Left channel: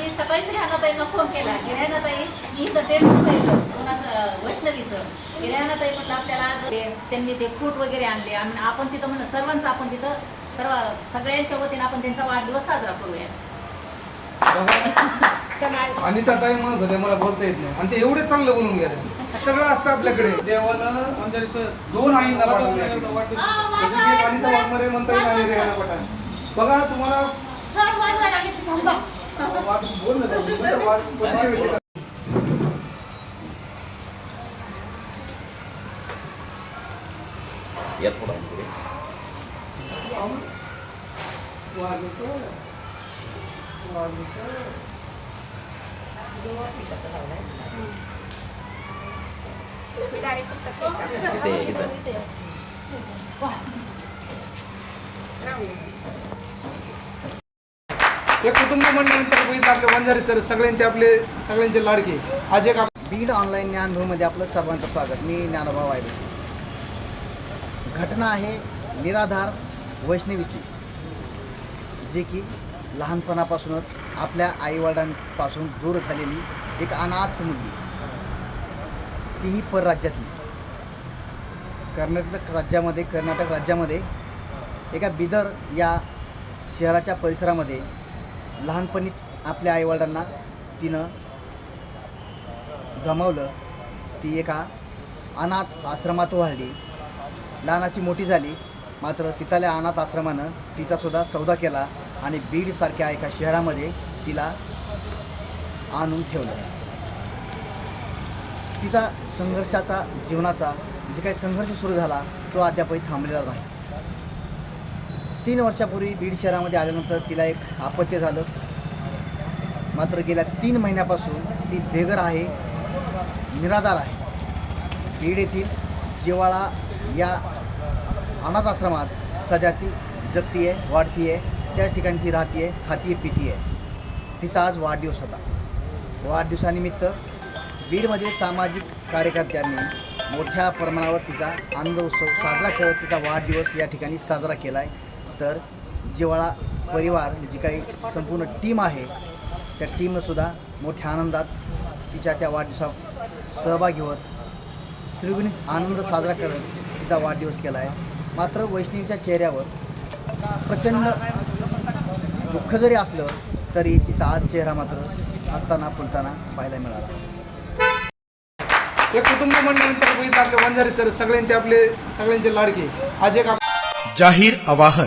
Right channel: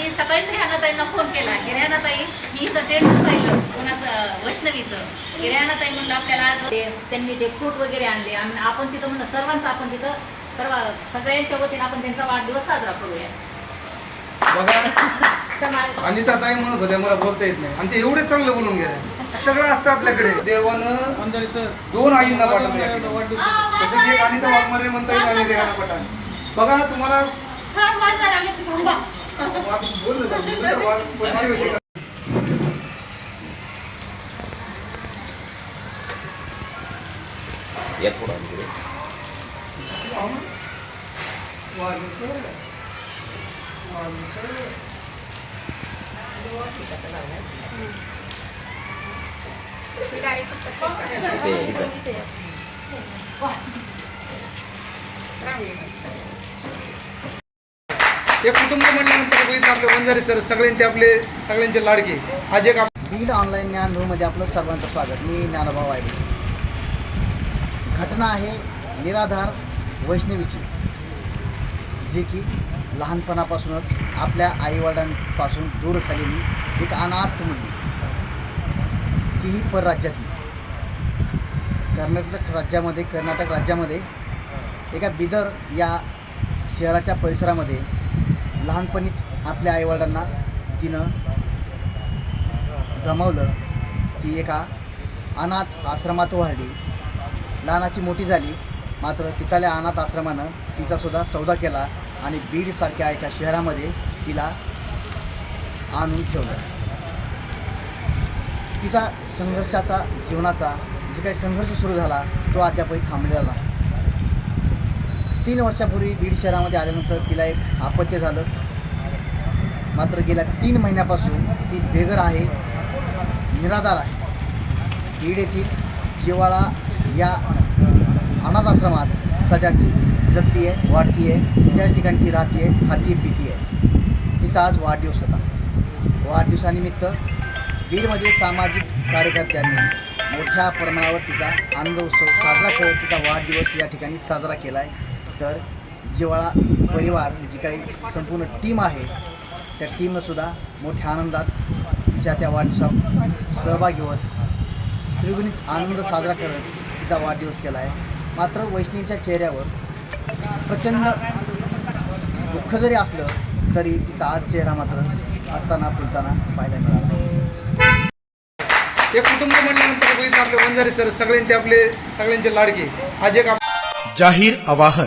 मी सकाळीच रेहानाताईंना फोन केला. की रेहानाताई मी इथं टेंटच पाहिलं कोणाचं वैष्णवीचं. की रेहानाताई म्हणलं आपल्याला त्यांनी ते फ्रूट वगैरे आणले. आणि आपण तिथं म्हणलं सर्वांचं आपण तिथं सर्व सगळ्यांच्या वतीने आपण त्यांचा वाढदिवस साजरा करूया. बघा. अनिता ताई म्हणत होत्या मला बोलता येत नाही. आणि ते एवढे चांगलं बोलून गेले. सगळं असतं आपल्याकडे. देवानं दोन आईंना पाठवले. जसं की अनिता वाघमारे म्हणता येईल आणि रेहाना पठाण. बघा तुम्हाला वा- बोल ना जरा, बोल ना, वा- पत्रिकेविषयी काय? या थोडा इकडे. वाघेश्वर. वाघेश्वर. इथे, इथे. ते कुटुंब म्हणल्यानंतर बघितलं आपले वंजारी सर सगळ्यांचे आपले सगळ्यांचे लाडके. आज एक आप- बीड ऑनलाईन ज्ञानभूमध्ये आपलं सर्वांचं स्वागत. मी ज्ञानोबा वायबसे घटना आहे निराधार वैष्णवीची जे की लहानपणापासूनच आपल्या आईवडिलांपासून दूर झालेली एक अनाथ मुलगी. तीही परराज्यातली. कर्नाटक राज्यामध्ये कर्नाटक राज्यामध्ये एका बिदर या शहराच्या परिसरामध्ये लहानपणीच आपल्या आईवडिलांना तिनं गमावलं. ती एका अनाथ आश्रमात वाढली. लहानाची मोठी झाली. मात्र तिथल्या अनाथ आश्रमानं तिचासुद्धा सौदा केला आणि बीडसारख्या एका शहरामध्ये तिला आणून ठेवलं. तिचा संघर्षाचा जीवनाचा जे काही संघर्ष सुरू झाला तो अद्यापही थांबलेला नाही. तीन वर्षापूर्वी बीड शहरामध्ये आल्यानंतर तिला एक अपत्य झालं. मात्र गेल्या तीन महिन्यापासून ती बेघर आहे निराधार आहे. बीड येथील जिवाळा या अनाथ आश्रमात सध्या ती जगती आहे वाढती आहे त्याच ठिकाणी ती राहते आहे खाती आहे पिती आहे तिचा आज वाढदिवस होता. वाढदिवसानिमित्त बीडमध्ये सामाजिक कार्यकर्त्यांनी मोठ्या प्रमाणावर तिचा आनंद उत्सव साजरा करत तिचा वाढदिवस या ठिकाणी साजरा केला आहे तर जिवाळा परिवार जी काही संपूर्ण टीम आहे त्या टीमनंसुद्धा मोठ्या आनंदात तिच्या त्या वाढदिवसात सहभागी होत त्रिगुणित आनंद साजरा करत तिचा वाढदिवस केला आहे मात्र वैष्णवीच्या चेहऱ्यावर प्रचंड दुःख जरी असलं तरी तिचा आज चेहरा मात्र असताना फुलताना पाहायला मिळाला. हे कुटुंब आपले वंजारी सर सगळ्यांचे आपले सगळ्यांचे लाडके. आज एक जाहीर आवाहन.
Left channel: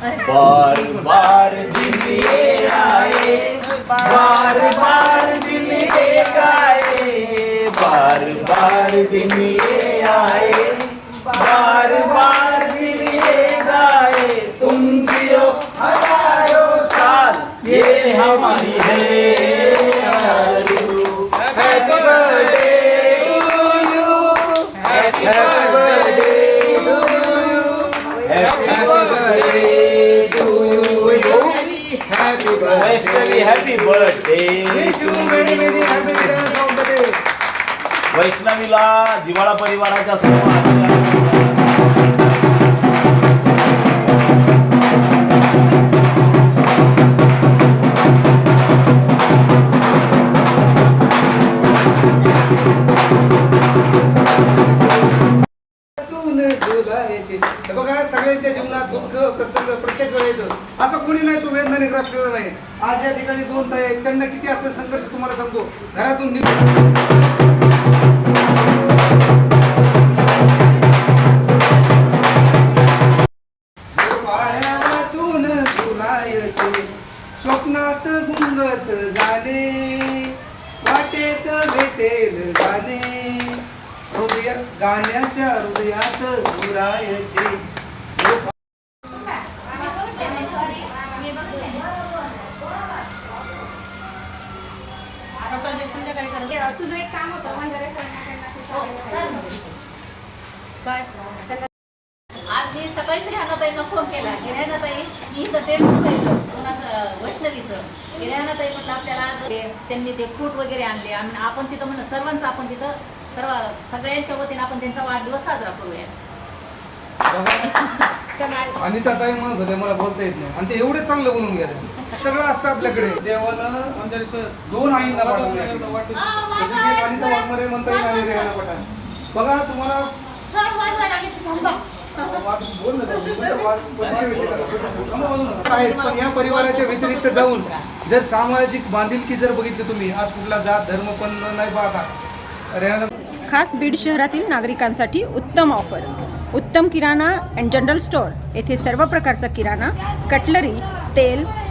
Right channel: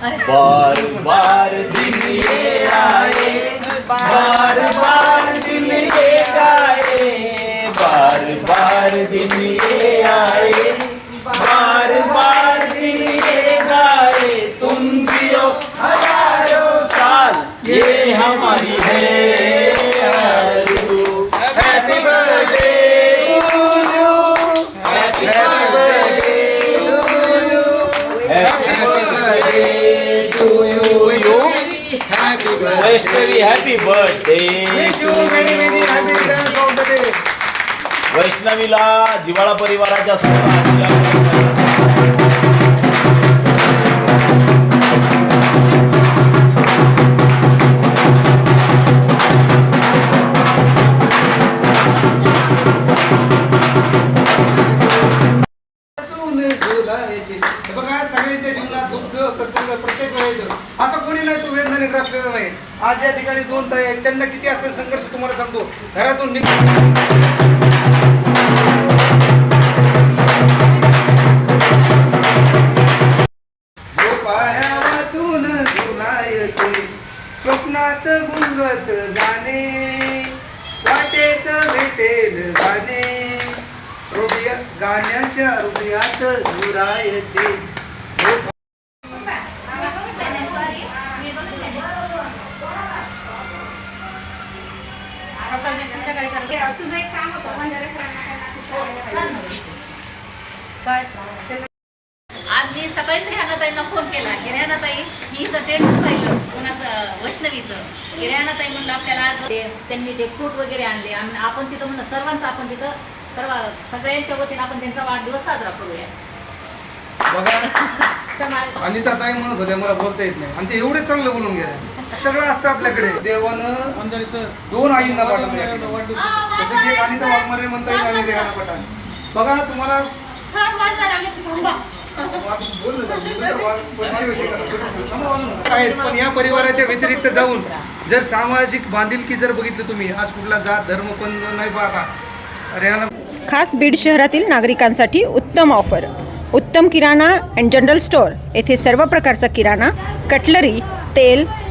बार बार दिन ये आए बार बार दिन ये आए बार बार दिन ये आए बार बार दिन ये आए तुम जियो हज़ारों साल ये हमारी है हैप्पी बर्थडे बर्थडे वैष्णवीला दिवाळा परिवाराच्या सर्व प्रसंग असं कोणी नाही तो वेदना निराशलेला नाही. आज या ठिकाणी दोन ताई आहेत त्यांना किती असेल संघर्ष तुम्हाला सांगतो घरातून स्वप्नात गुंगत जाणे वाटेत भेटेल गाणे. गाण्याच्या हृदयात झोरायचे झोप तुझं एक काम होतं बंजारा सरांना त्यांना आज मी सकाळीच रेहानाताईंना फोन केला. की रेहानाताई मी इथं टेंटच पाहिलं कोणाचं वैष्णवीचं. की रेहानाताई म्हणलं आपल्याला त्यांनी ते फ्रूट वगैरे आणले. आम्ही आपण तिथं म्हणलं सर्वांचं आपण तिथं सर्व सगळ्यांच्या वतीने आपण त्यांचा वाढदिवस साजरा करूया. बघा. अनिता ताई म्हणत होत्या मला बोलता येत नाही. आणि ते एवढे चांगलं बोलून गेले. सगळं असतं आपल्याकडे. देवानं दोन आईंना पाठवले. जसं की अनिता वाघमारे म्हणता येईल आणि रेहाना पठाण. बघा तुम्हाला. आहेच, पण या परिवाराच्या व्यतिरिक्त जाऊन जर सामाजिक बांधिलकी जर बघितली तुम्ही आज कुठला जात धर्म पण नाही पाहता. खास बीड शहरातील नागरिकांसाठी उत्तम ऑफर. उत्तम किराणा अँड जनरल स्टोअर. येथे सर्व प्रकारचा किराणा कटलरी तेल